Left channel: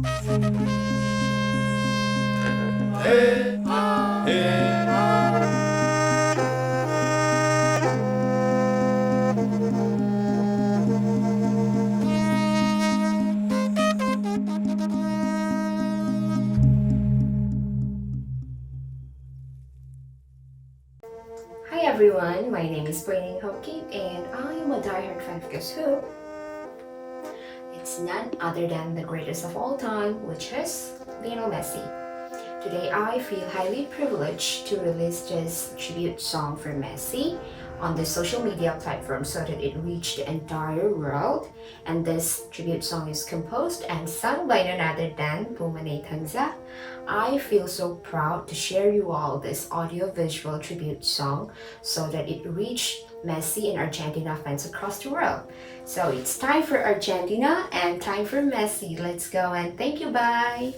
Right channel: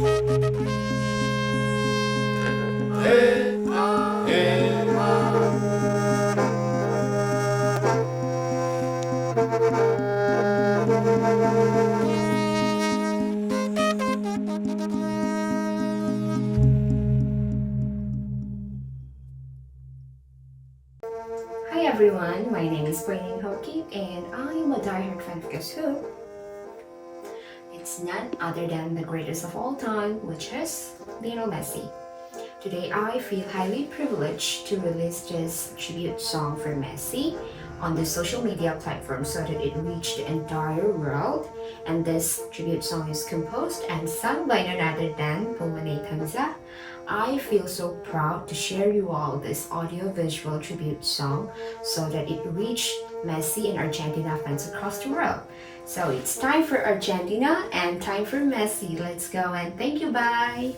Hi everyone, my name is Pu Lionel and I'm a diehard fan of Guess Who? It's none other than the greatest of all time, which is Lionel Messi. Today I feel highly privileged to release this tribute song for Messi on the social media platform so that it reached the entire world. And this tribute song is composed and sung by none other than Maneithangza. I feel so proud to share you all this audio-visual tribute song so that it reached Messi and Argentina fans across the world. So it's time for Argentina and time for Messi. Let's go and thank you, bye!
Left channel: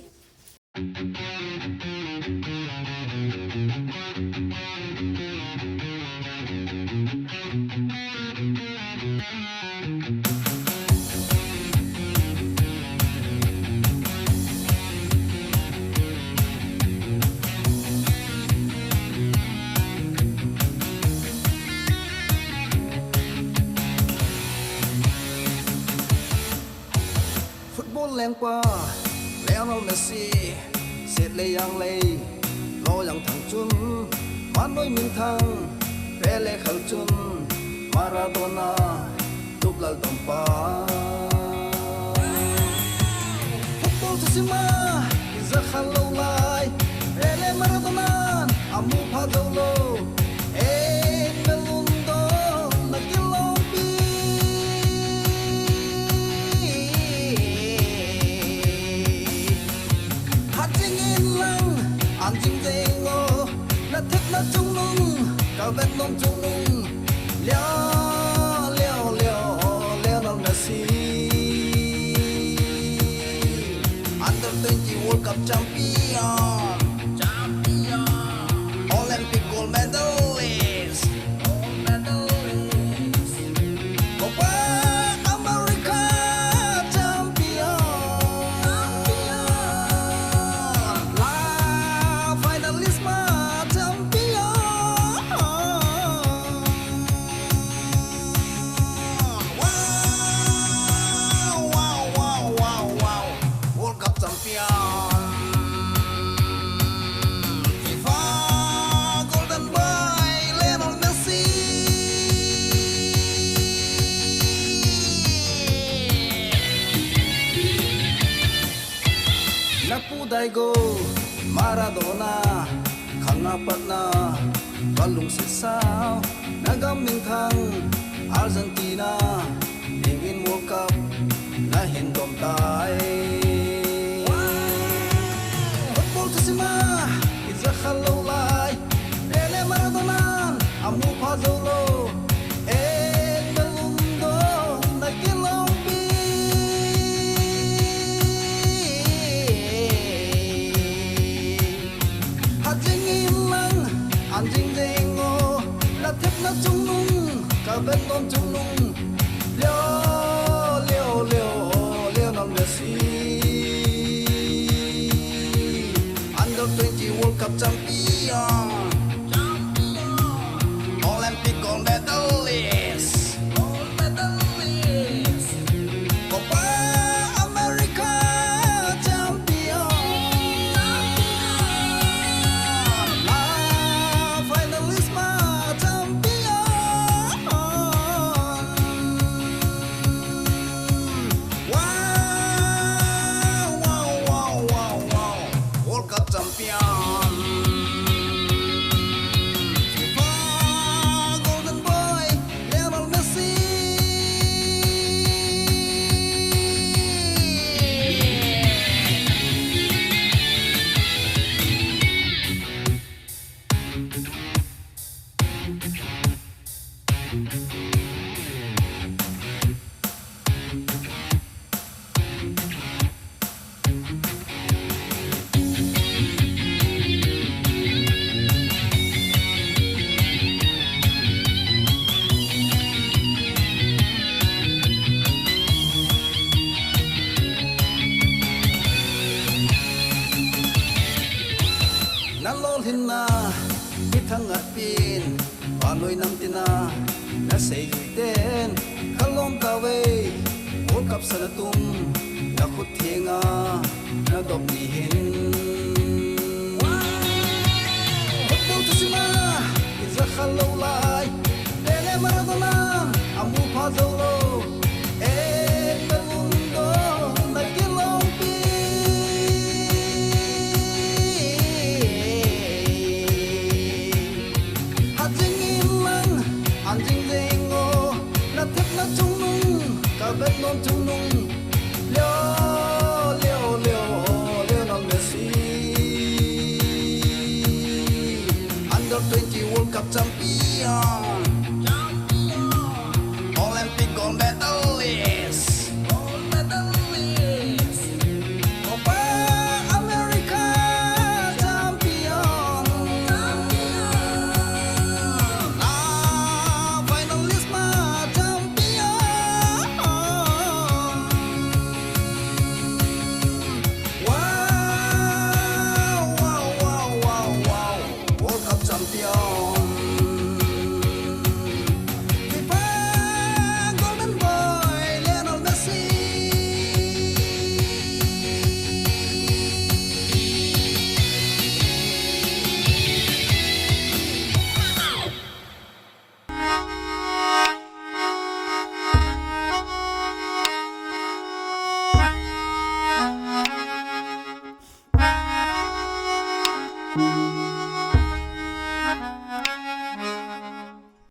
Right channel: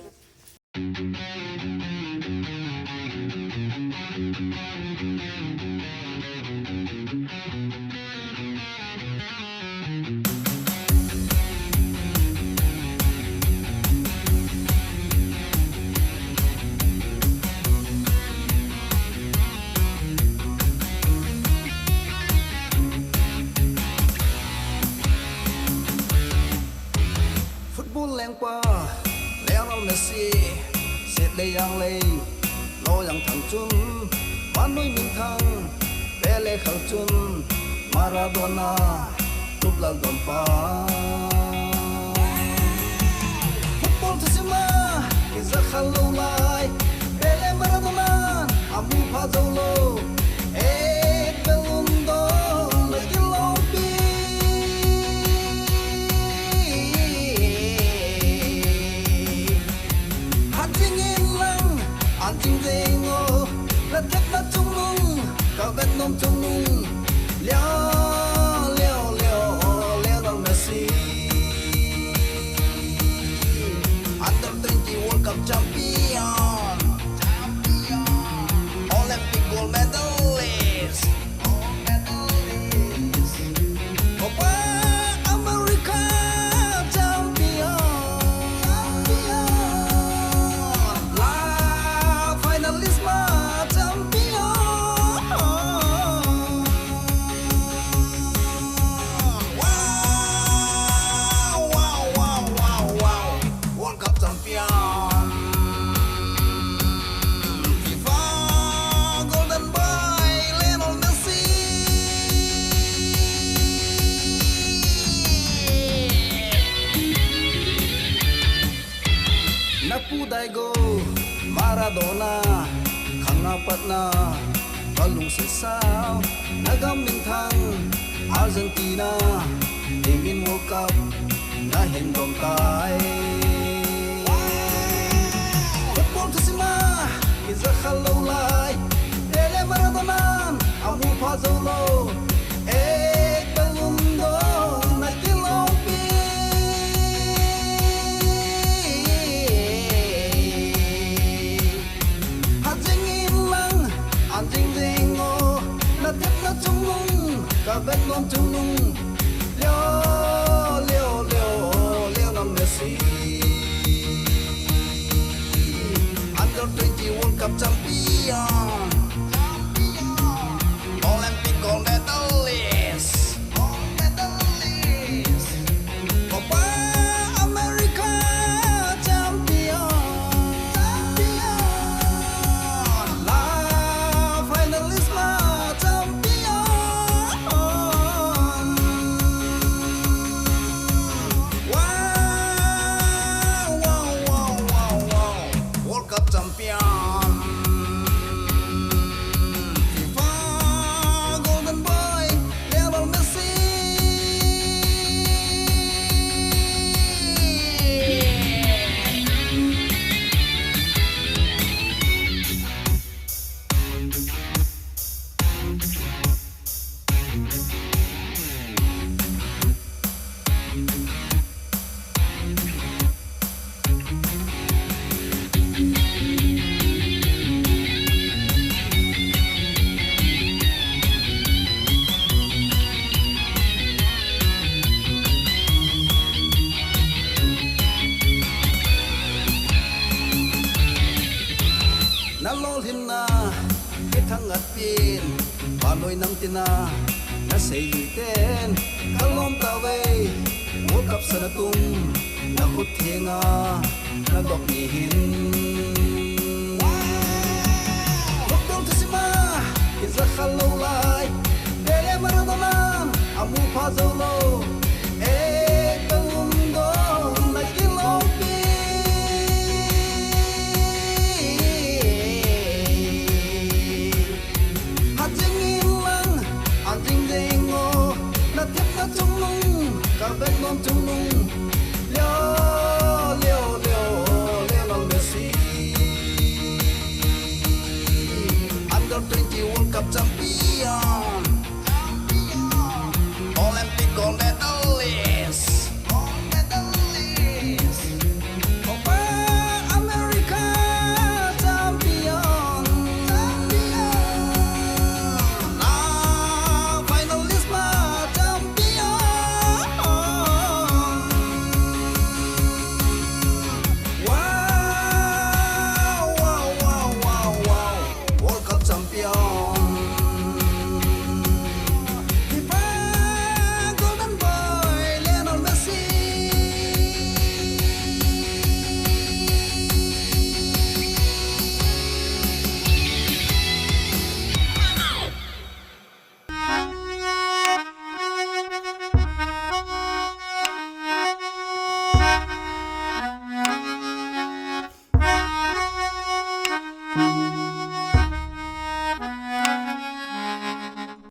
Football lengpa, Lionel Messi, Setlei jaangleija, Loyang thang chun, Vannoi minthang, Pele khel chun, Maradona'n, tuplel dompa. Football thusim, kija khel loulai, Pela Maradona'n, amuphah dolo, Ballond'OR, nakilompi'e. Jeng'o, na thép na chung nung, cả vết nôm chung nung. Leo Leo Leo Lionel Messi, Under 20 World Cup champion, Olympic gold medalist, Copa America champion, Finalissmma Champion. Wow, wow, wow, wow, wow. World Cup champion. FIFA golden boy Lionel Messi. Napudaigo Maradona, kangapat na balong sisaw, nagaminthang Argentina, tingin World Cup na hindom tay. Football thusim, kija khel loulai, Pele Maradona'n, amuphah dolo, Ballond'OR, nakilompi'e. Jeng'o, na thép na chung nung, cả vết nôm chung nung. Leo Leo Leo Lionel Messi, Under 20 World Cup champion, Olympic gold medalist, Copa America champion. Finalissmma Champion. Wow, wow, wow, wow, wow. World Cup champion. hinna minthang at pin Vannoi nam tina na say ten kalom tawe World Cup sana tum na khut thenga na dop ni hin football thusima is a khel loulai Pela Maradona'n amuphah zolo Ballond'OR nakilompi'e Anjing jeng'o na tiếp na chung nung ka bet non chung nung Leo Leo Leo Lionel Messi Under 20 World Cup Champion